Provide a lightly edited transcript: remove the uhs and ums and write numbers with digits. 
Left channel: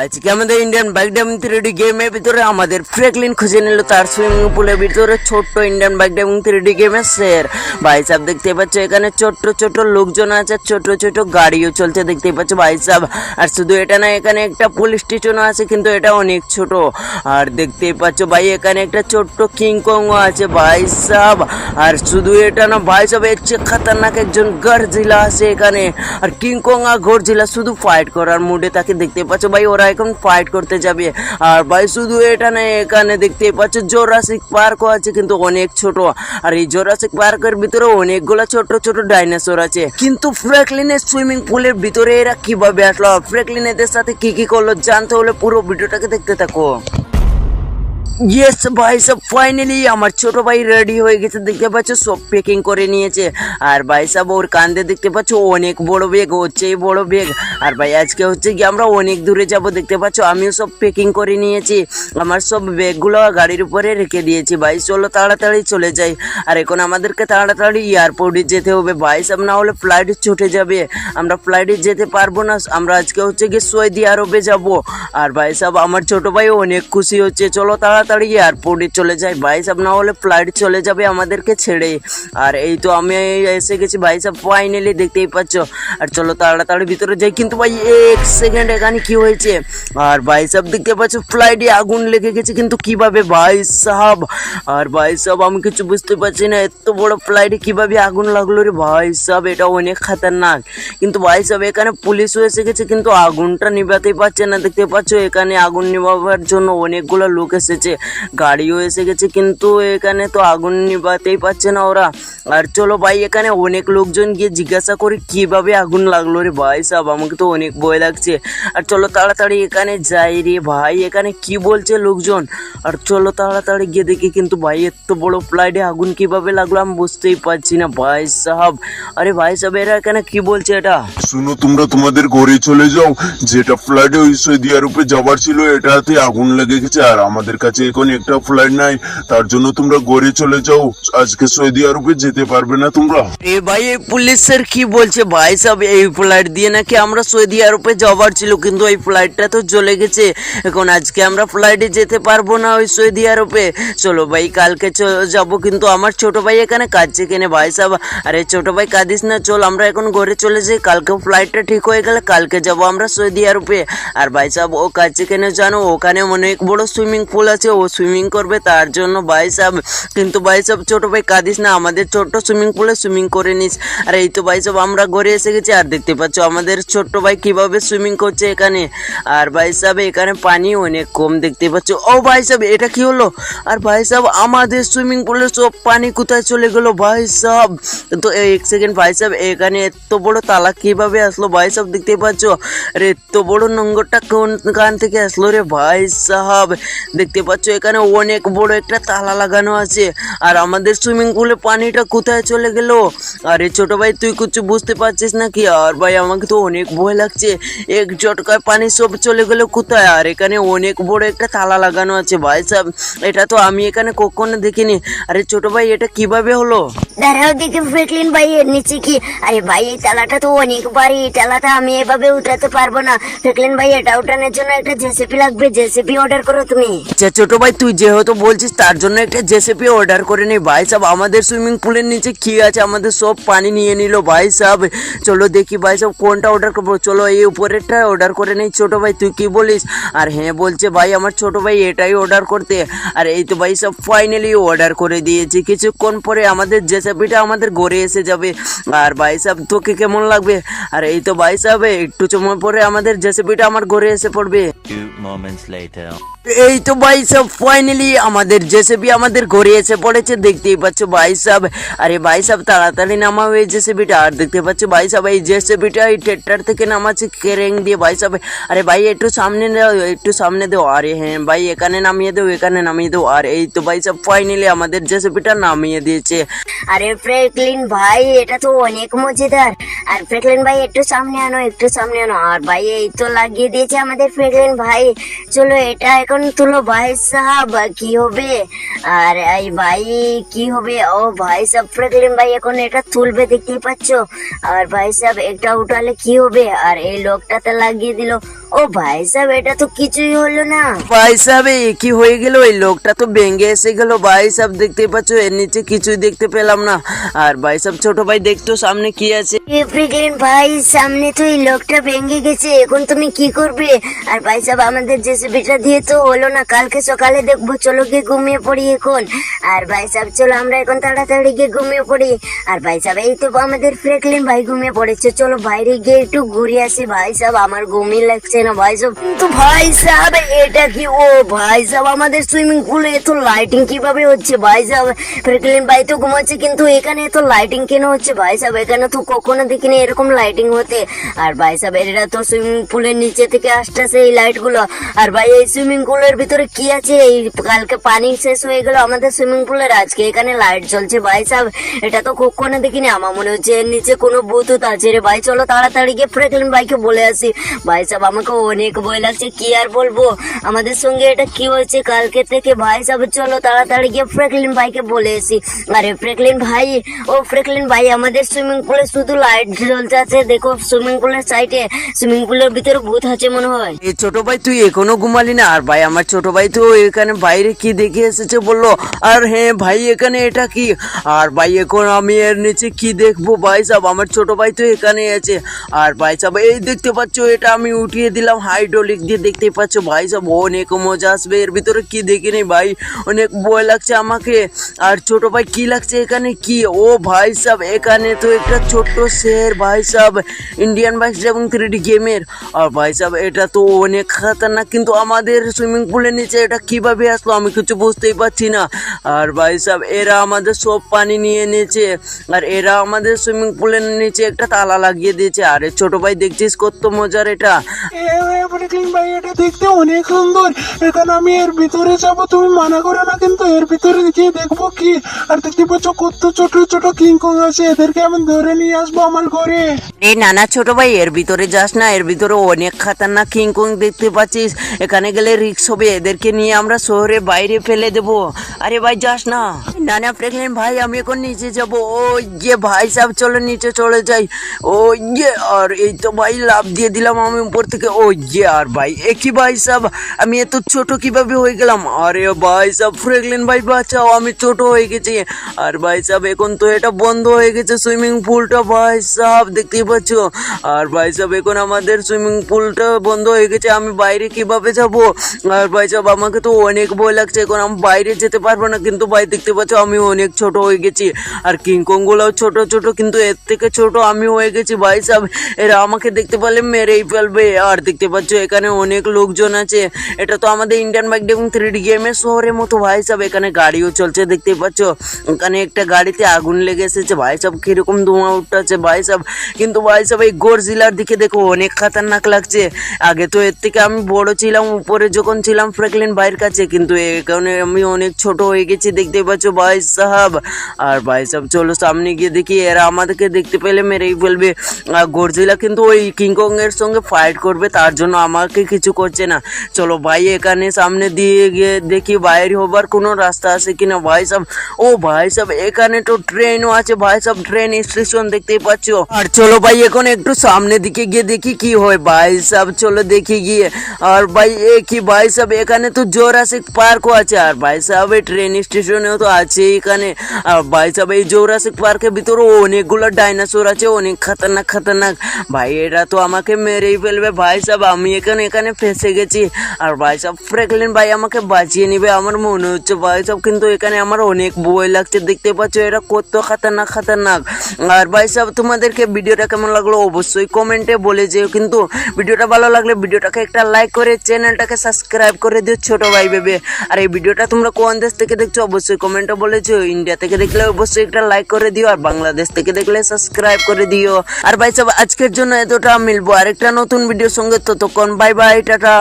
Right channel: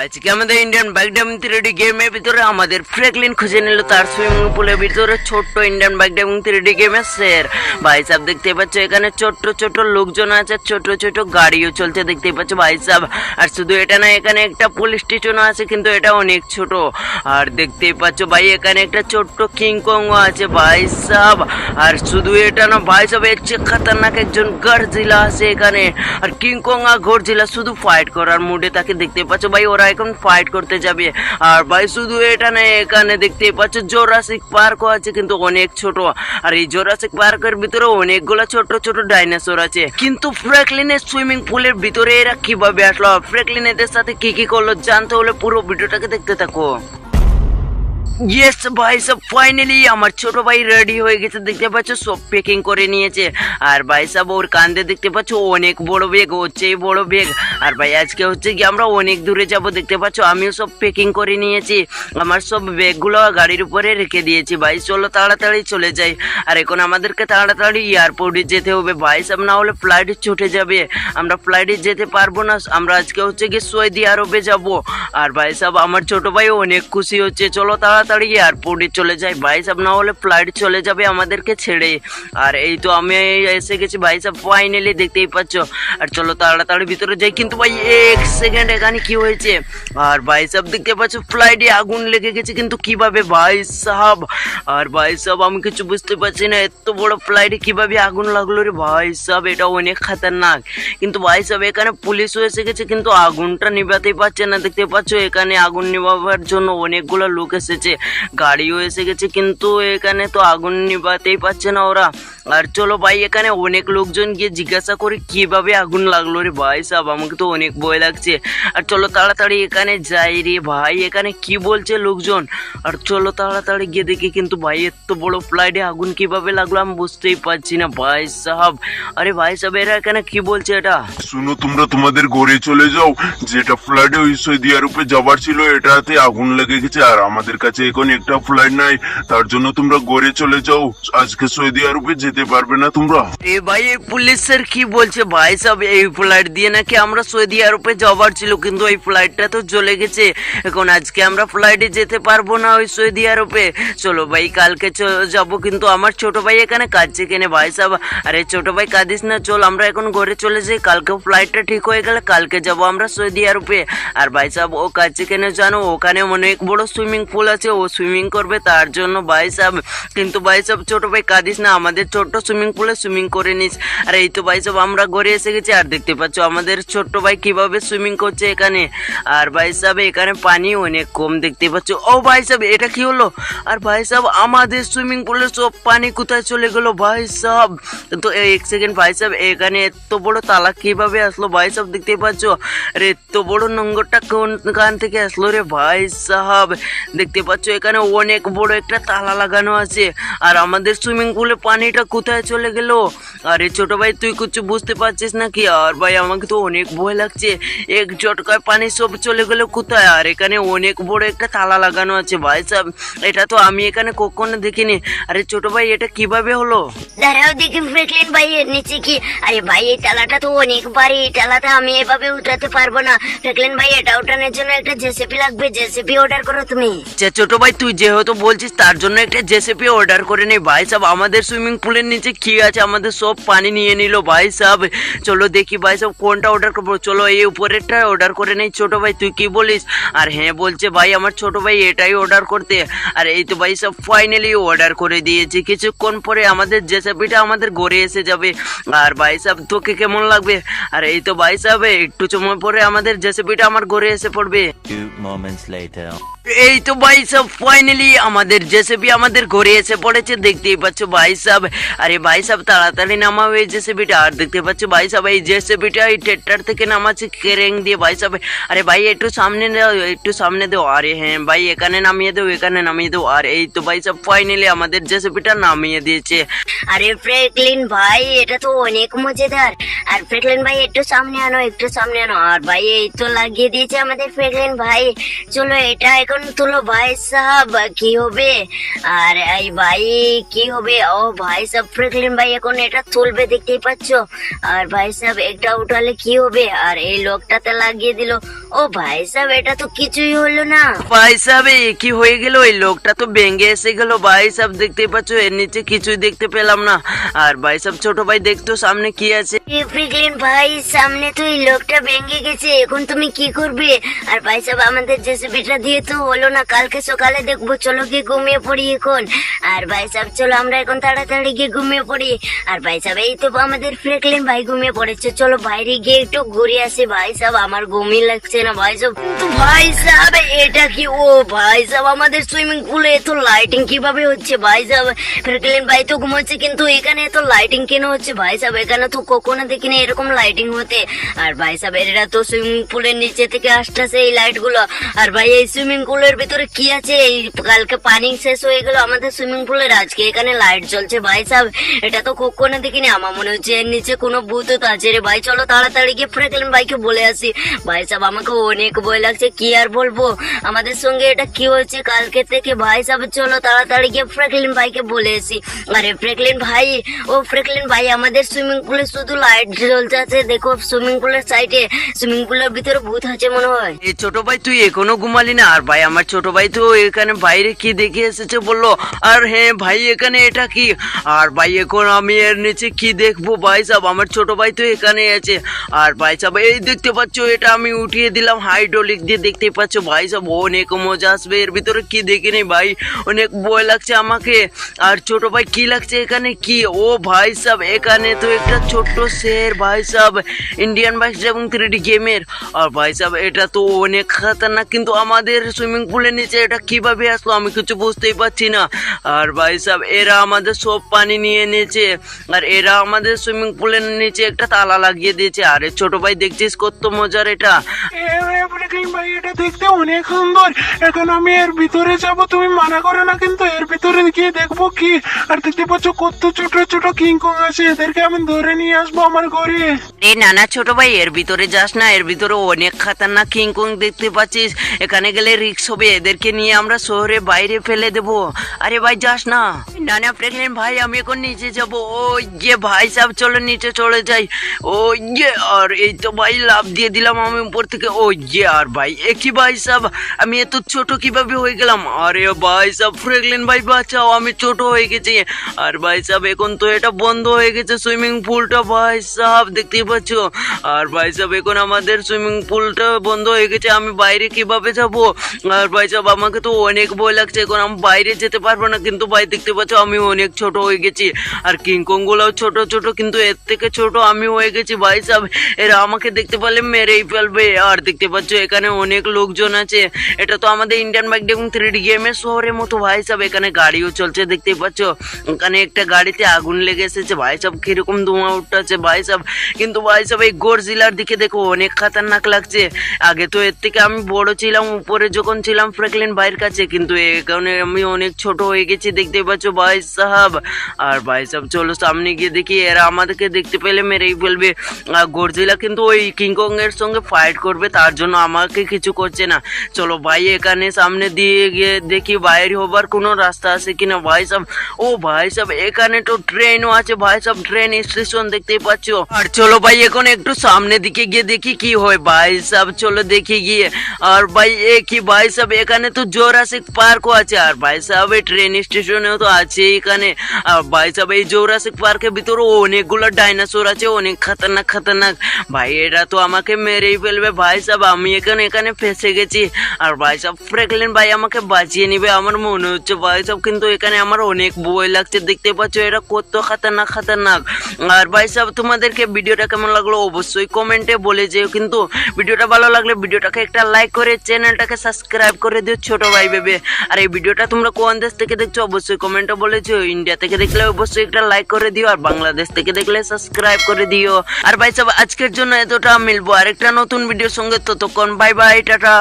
আজকে আমাদের Indian bike driving 3D গেমের ভিতরে আমাদের ফ্র্যাঙ্কলিন খুঁজে নিল তার সুইমিং পুলের ভিতরে ছোট্ট ইন্ডিয়ান বাইক ড্রাইভিং 3D গেমের শের। ভাই সাহেব দেখতে পাচ্ছ এখানে ছোট্ট ছোট্ট লোকজন আছে, ছোট ছোট গাড়িও চলছে দেখতে পাচ্ছ ভাই সাহেব। আর শুধু এটা না, এখানে একটা পুলিশ স্টেশন আছে কিন্তু এটা অনেক ছোট। আর দেখতেই পাচ্ছ ভাই এখানে একটা ছোট্ট কিংকং আছে ভাই সাহেব। আর শুধু এটা না ভাই সাহেব, এর চেয়ে খতরনাক একজন গডজিলা আছে এখানে। আর কিংকং আর গডজিলা শুধু ফাইট করার মুডে তাকে দেখতে পাচ্ছ ভাই, ওরা এখন ফাইট করতে যাবে। আর ভাই শুধু এটা না, এখানে দেখতে পাচ্ছ জোরাসিক পার্কও আছে কিন্তু অনেক ছোট। আর এই জোরাসিক পার্কের ভিতরে অনেকগুলো ছোট ছোট ডাইনোসর আছে। কিন্তু ফ্র্যাঙ্কলিনের সুইমিং পুলের ভিতরে এরা কিভাবে আসলো, ফ্র্যাঙ্কলিন এদের সাথে কি করলো জানতে হলে পুরো ভিডিওটাকে দেখতে থাকো। ইয়েস ভাই সাহেব, ফাইনালি আমার ছোট ভাই রেডি হয়ে গেছে দেখতে পাচ্ছ, সব প্যাকিং করে নিয়েছে। আর ভাই সাহেব ওর কান্দে দেখতে পাচ্ছ অনেক বড় ব্যাগ, হচ্ছে বড় ব্যাগ। আর ভাই আজকে হচ্ছে কি আমরা অনেক দূরে যাব দেখতে পাচ্ছ, আমিও সব প্যাকিং করে নিয়েছি। আমার সব ব্যাগগুলো গাড়ির উপরে রেখে দিয়েছি। ভাই চলো তাড়াতাড়ি চলে যাই। আর এখন আমাদেরকে তাড়াতাড়ি এয়ারপোর্টে যেতে হবে ভাই সাহেব, না হলে ফ্লাইট ছুটে যাবে। আমরা ফ্লাইটে যেতে পারবো না, আমরা আজকে হচ্ছে কি সৌদি আরবে যাব। আর ভাই সাহেব আমার ছোট ভাই অনেক খুশি হচ্ছে, চলো তাড়াতাড়ি এয়ারপোর্টে চলে যাই ভাই সাহেব, না হলে ফ্লাইট চলে যাবে আমাদেরকে ছেড়ে। আর এই তো আমি এসে গেছি ভাই সাহেব, ফাইনালি দেখতেই পাচ্ছ। আর চলো তাড়াতাড়ি ভিতরে যাই। কিন্তু ভাই এক সেকেন্ড, এখানে কি হয়েছে? আর ভাই সাহেব দেখতে পাচ্ছ ফ্লাইটে আগুন লেগে গেছে, কিন্তু কিভাবে ভাই সাহেব? আর ভাই সাহেব আমি কিছু বুঝতে পারছি না, এত বড় ফ্লাইটে কিভাবে আগুন লাগলো রে ভাই সাহেব, এটা অনেক খতরনাক। কিন্তু ভাই সাহেব এখানে পুলিশও এসে গেছে কিন্তু আগুনটা নিভাতেই পারছে না দেখতে পাচ্ছ। এখানে আগুন নিভাবার জন্য অনেকগুলো লোক এসেছে, গাড়িও এসে গেছে, কিন্তু এখানে তো আগুন নিভাতেই পারছে না ওরা। আর চলো ভাই এখানে অনেক লোকজন গিয়ে জিজ্ঞাসা করি কিভাবে আগুন লাগলো রে ভাই সাহেব, আমাকে তো অনেক ভয় লাগছে। আর চলো তাড়াতাড়ি এখানে যাই রে ভাই, এখানে কি বলছে লোকজন। আর চলো তাড়াতাড়ি গিয়ে দেখি। কিন্তু ভাই এত বড় ফ্লাইটে আগুন কিভাবে লাগলো আমি বুঝতেই পারছি না ভাই সাহেব। আরে ভাই সাহেব এরা এখানে কি বলছে এটা? শুনো, তোমরা তোমাদের ঘরে চলে যাও। যেটা ফ্লাইটে ওই সৌদি আরবে যাবার ছিল এটাতে আগুন লেগে গেছে, আর আমাদের কাছে এখন একটা ফ্লাইট নাই, তার জন্য তোমরা ঘরে চলে যাও। আজকে সৌদি আরবে যেতে পারবে না তোমরা। এ ভাই এই পুলিশের কি বলছে ভাই সাহেব, এই ফ্লাইট দিয়ে নাকি আমরা সৌদি আরবে যাবার ছিল, কিন্তু এই ফ্লাইটটা তো চলে গেছে। এখন আজকে আমরা ফ্লাইটে যেতে পারবো না ওই সৌদি আরবে। চলো ভাই কালকে যাবো। কিন্তু আমার ছোট ভাই এখানে কাঁদছে কেনে ভাই সাহেব? আরে ছোট ভাই কাঁদিস না, চল আমরা এখন ঘরে চলে যাই। কালকে ফ্লাইটটা ঠিক হয়ে গেলে কালকে যাবো আমরা সৌদি আরবে। আর ভাই সাহেব ও কাঁদছে কেনে জানো? ওখানে অনেক বড় সুইমিং পুল আছে, ও সুইমিং করবে তার জন্য ভাই সাহেব। কিন্তু ভাই সাহেব ছোট ভাই কাঁদিস না, আমাদের ছোট্ট সুইমিং পুলে সুইমিং করে নিস। আর এই তো ভাই সাহেব আমরা ঘরে এসে গেছি। আর দেখতে পাচ্ছ আমাদের ছোট্ট ভাই কিভাবে সুইমিং করছে এখানে। আর ভাই সাহেব এখানে পানি অনেক কম দেখতে পাচ্ছ। ও ভাই সাহেব এটা কি হলো? আর ভাই সাহেব আমাদের সুইমিং পুলে সব পানি কোথায় চলে গেল ভাই সাহেব? তো এক সেকেন্ড ভাই সাহেব, এখানে এত বড় তালা কিভাবে আসলো ভাই সাহেব? দেখতে পাচ্ছ আর এত বড় নোংরটা কোন কান থেকে আসলো রে ভাই সাহেব? দেখতে পাচ্ছ এখানে অনেক বড় একটা তালা লাগানো আছে। আর আমাদের সুইমিং পুলে পানিটা কোথায় চলে গেল? আরে ছোট ভাই তুই কিছু বুঝতে পারছিস নাকি? আর ভাই আমাকে তো অনেক ভয় লাগছে, এক ঝটকায় পানি সব চলে গেল কোথায়? আর এখানে অনেক বড় একটা তালা লাগানো আছে ভাই সাহেব, এটা তো আমি এখানে কখনো দেখিনি। আরে ছোট ভাই এটা কিভাবে হলো? দাঁড়াও দেখি ফ্র্যাঙ্কলিন ভাই এর নিচে কি? আরে ভাই এই তালাটা তো অনেক ভারী, এই তালাটা আমি এভাবে উঠাতে পারবো না। ফ্র্যাঙ্কলিন ভাই এটা উঠানোর জন্য একটা জেসিপি লাগবে, জেসিপি অর্ডার করো তুমি। আচ্ছা ছোট ভাই তুই যেহেতু বলছিস তার জন্য একটা জেসিপি অর্ডার করে নেই ভাই সাহেব। আমাদের সুইমিং পুলের নিচে কি আছে, আমাদের সব পানি নিয়ে নিল ভাই সাহেব। চলো দেখি ভাই সাহেব কোনটা অর্ডার করবো। চলো এই উপরেরটা অর্ডার করে নেই। ছোট ভাই তুই কি বলিস? আর হ্যাঁ বলছে ভাই আমার ছোট ভাই এটাই অর্ডার করতে। আর এই তো ভাই সাহেব ফাইনালি অর্ডার করে দিয়েছি, কিছুক্ষণ পরে আমাদের জেসিপিটা আমাদের ঘরে এসে যাবে। আর ভাই সাহেব তোকে কেমন লাগবে? আর এই তো ভাই সাহেব একটু সময় পরে আমাদের জেসিপিটা আমার ঘরে এসে পড়বে। 2 moments later. এই তো ভাই সাহেব ফাইনালি আমাদের জেসিবি আমাদের ঘরে এসে পড়েছে, দেখতেই পাচ্ছ ভাই সাহেব। আরে ভাই সাহেব তাড়াতাড়ি নামাও এই জেসিবিটা। আর দেখতে পাচ্ছ ভাই সাহেব এই জেসিবিটা এই ট্রেক্টর থেকে নামাচ্ছে ক্রেন দিয়ে ভাই সাহেব। আরে ভাই একটু সামনে দাও, একটু সামনে দাও। আরে হ্যাঁ ভাই এখানে নামিয়ে দাও, এখানে নামিয়ে দাও। আর এই তো ভাই সাহেব ফাইনালি আমাদের জেসিবিটা নামিয়ে দিয়েছে। আরে ফ্র্যাঙ্কলিন ভাই এটা তো অনেক মজাদার। আর ফ্র্যাঙ্কলিন ভাই একটু সামনে আনো, একটু সামনে আনো। আর ভাই এই তো লাগিয়ে দিয়েছে আমাদের ফ্র্যাঙ্কলিন ভাই। চলো এটা এখন এখন তুলো ভাই সাহেব, কি হবে? আর এই ভাই কি হবে? ও ভাই সাহেব, ফ্র্যাঙ্কলিন ভাই এখন এটা তুলবে, দেখতেই পাচ্ছ। আর ভাই সাহেব এটা উঠালে কি হবে? আর এই লোকটাতে লাগিয়ে দিল। ও ভাই সাহেব, এটা তো কিছুই হলো না। ভাই সাহেব এ কি হয়ে গেল? এই লোকটা তো ভেঙে এসে গেল ভাই সাহেব, দেখতেই পাচ্ছ এর নিচে কিছুই দেখতে পেলাম না। আর ভাই সাহেব ছোট ভাই দেখতো সামনে কি আছে। ফ্র্যাঙ্কলিন ভাই, সামনে তো এই লোকটা ভেঙে গেছে, এখন তুমি কি করবে? আর ভাই সাহেব আমাদের জেসিবিটা দিয়ে তো হলো না, কালকে সকালে দেখবো, চলো গিয়ে ঘুমিয়ে পড়ি এখন। আর ভাই সাহেব চলো আমরা এখন তাড়াতাড়ি গিয়ে ঘুমিয়ে পড়ি। আর ভাই সাহেব এই তো আমাদের ফ্র্যাঙ্কলিন ভাই ঘুমিয়ে পড়েছে, চলো বাইরে গিয়ে একটু ঘুরে আসি। ভাই সাহেব আমার ঘুমিয়ে লাগছে না ভাই সাহেব। কিন্তু ভাই সাহেব এটা কি? ও ভাই সাহেব আমাদের সুইমিং পুলে এত লাইটিং কিভাবে হচ্ছে? ভাই সাহেব ফ্র্যাঙ্কলিন ভাই তো ঘুমাচ্ছে, কিন্তু এখানে এত লাইটিং কেন হচ্ছে? ভাই সাহেব এখানে তো কখনো দেখিনি এরকম লাইটিং হতে। আর ভাই সাহেব এরা তো সুইমিং পুলের নিচে থেকে আসতেছে এই লাইট গুলো। আর ভাই এই সুইমিং পুলের ভিতরে কি আছে? এই কালকে পানি শেষ হয়ে গেল আমাদের সুইমিং পুলের, আজকে এখানে লাইট জ্বলছে। ভাই সাহেব এটা তো কখনো দেখিনি, আমার মনে হচ্ছে এর নিচে কোনো ভূত আছে রে। ভাই চলো তাড়াতাড়ি গিয়ে ফ্র্যাঙ্কলিন ভাইকে বলে আসি। ভাই সাহেব আমাকে অনেক ভয় লাগছে, কি আর বলবো, আমাদের সঙ্গে এটা কি হয়েছে কালকে থেকে। ভাই সাহেব চলো তাড়াতাড়ি গিয়ে ফ্র্যাঙ্কলিন ভাইকে বলে আসি। আরে ফ্র্যাঙ্কলিন ভাই, ও ফ্র্যাঙ্কলিন ভাই আমাদের সুইমিং পুলে শুধু লাইট জ্বলছে আছে, দেখো সুইমিং পুলের সাইডে, সুইমিং পুলের ভিতরে ভূত আছে মনে হয়। এই ছোট ভাই তুই এখনো ঘুমালি না? আর ভাই আমার ছোট ভাই তো এখানে বাইরে কি দেখে এসেছে বললো। আর হ্যাঁ ভাই এখানে এটা কি? আর ভাই এখন আমি এর নিচে কি দেখবো? ভাই সাহেব আমার ছোট ভাই তো এখানে আছে। আর ভাই সাহেব এই দেখতে পাচ্ছ এটা আমি উঠিয়ে দিলাম হাইড্রোলিক দিয়ে, দেখতে পাচ্ছ ভাই সাহেব অনেক মজা আসবে এর ভিতরে। কি দেখিনি ভাই, অনেক ভয় লাগছে আমাকে। আর ছোট ভাই কি লাগছে এখানে কি? ও ভাই সাহেব এখানে তো একটা ছোট্ট শের ভাই সাহেব, ইন্ডিয়ান বাইক এবং 3D গেমের। আর ভাই সাহেব এটা তো অনেক খাতারনাক, কিন্তু আমাদের সুইমিং পুলের নিচে এটা কিভাবে আসলো আমি কিছু বুঝতেই পারছি না। আর ভাই সাহেব এরা আমাদের সব পানি নিয়ে নিয়েছে, আর এরা আমাদের সুইমিং পুলের নিচে একটা তালা লাগিয়ে দিয়েছে। আরে ছোট ভাই দেখছিস কত মজার এটা। ফ্র্যাঙ্কলিন ভাই এটা দেখতে অনেক সুন্দর, এখন আমি এর ভিতরে যাব, তুমি মানা করো না কিন্তু। এর ভিতরে গিয়ে দেখবো কি। আর দেখতে পাচ্ছ কত ছোট ছোট কিংকং আছে, এদেরকে আমি ধরে নিয়ে আসবো আমার ঘরে। এই নানা ছোট ভাই এর ভিতরে যাস না, এর ভিতরে অনেক খাতারনাক কিংকং দেখতে পাচ্ছিস, এখানে গেলে রিস্ক হবে, এদেরকে নিয়ে আমরা শহরে বাইরে ফেলে দেবো। আরে ভাই যাস না। নানা ফ্র্যাঙ্কলিন ভাই আমি এখন নিচে যাব। ও ইয়ে ভাই সাহেব চলো নিচে চলে যাই। ও ইয়ে, আর এই তো ভাই লাফ দিয়ে দিলাম আমি উপর থেকে। ও ইয়ে, আর ভাই একই ভাই সাহেব আমি এত ছোট কিভাবে হয়ে গেলাম? আরে ভাই সাহেব ফ্র্যাঙ্কলিন ভাই বাঁচাও, আমি ছোট হয়ে গেছি। আর ভাই সাহেব এখন তো এটা বন্ধ হয়ে গেছে সুইমিং পুলটা ভাই সাহেব, দেখতেই পাচ্ছ। আর ভাই সাহেব এখন আমাদের সুইমিং পুলটা বন্ধ হয়ে গেছে, আমি বাইরে কিভাবে যাব? আর ভাই সাহেব আমাকে তো অনেক ভয় লাগছে, এখন আমি বাইরে যেতে পারবো না। কিন্তু ভাই দেখতে পাচ্ছ আমি অনেক ছোট হয়ে গেছি, আর কিংকং গুলাও ছোট ছোট, কিন্তু এর থেকে ছোট আমি হয়ে গেছি ভাই সাহেব। এরা আমাকে দেখতে পেলে মেরেই ফেলবে। আর দেখতে পাচ্ছ এখানে অনেক লোকজন আছে, এটা তো আমাদের ইন্ডিয়ান বাইক এবং 3D গেমের শহরের মতো ভাই সাহেব। এখানে গাড়িও চলছে দেখতে পাচ্ছ, ওখানে একটা গাড়িতে আগুন লেগে এসেছে ভাই সাহেব, কিরকম ধোঁয়া উঠছে ভাই সাহেব। কিন্তু ভাই সাহেব এই গডজিলার দিকে দেখো অনেক খাতারনাক লাগছে। আগে তো এর থেকে আমি বড় ছিলাম উপরে যখন ছিলাম ফ্র্যাঙ্কলিন ভাইয়ের কাছে, কিন্তু এখানে আমি অনেক ছোট হয়ে গেছি দেখতে পাচ্ছ ভাই সাহেব। আর ভাই সাহেব চলো সামনে গিয়ে দেখি, এরা আমাদেরকে দেখতে পেলে মেরেই ফেলবে। আর গডজিলা কিন্তু ওই কিংকং এর সঙ্গে ফাইট করবে, তার জন্য আমাকে কিছু করছে না। চলো ভাই এখানে সামনে দিয়ে গিয়ে দেখি বাইরে হবার কোনো রাস্তা আছে কিনা ভাই সাহেব। ও ভাই সাহেব এখানে তো ট্রেনও আছে ভাই সাহেব, ট্রেন স্টেশন দেখতেই পাচ্ছ। আর চলো ভাই এখন একটু সামনের দিকে গিয়ে দেখি কি হয় ভাই সাহেব, চলো দেখি গিয়ে। আর ভাই কি ভাই সাহেব এখানে তো জোরাসিক পার্কও আছে। আর ভাই সাহেব এই ট্রেন স্টেশনেও তো আছে এখানে। আর ভাই সাহেব এই জোরাসিক পার্কের ভিতরে অনেকগুলো ডাইনোসর আছে, অনেক খাতারনাক খাতারনাক ভাই, এরা তো আমাকে মেরেই ফেলবে ভাই সাহেব। আমি এখানে ফেসে গেছি। আর ভাই সাহেব ফ্র্যাঙ্কলিন ভাই আমাকে বাঁচিয়ে নিবে আমার মনে হচ্ছে ভাই সাহেব, কিন্তু এখানে আমার অনেক ভয় লাগছে, দেখতে পাচ্ছ এরা কত খাতারনাক খাতারনাক। আর ভাই সাহেব তোমাদেরকে ভিডিওটা কেমন লাগলো অবশ্যই কমেন্টে বলে যেও, কিন্তু ভিডিওটা ভালো লাগলে ভিডিওটাকে একটা লাইক করে চ্যানেলটাকে সাবস্ক্রাইব করে দিও ছোট ভাই ভেবে। আর এই ভিডিওটা তোমরা কোন দেশ থেকে দেখছো অবশ্যই কমেন্টে বলেছো, ইন্ডিয়া থেকে দেখলে অবশ্যই একটা লাইক করে দিও, আর বাংলাদেশ থেকে দেখলে সাবস্ক্রাইব করে দিও। আর ভাই সাহেব আজকের জন্য এতটা, মিলবো আরেকটা নতুন ভিডিওর সঙ্গে, ততক্ষণ বাই বাই, টাটা।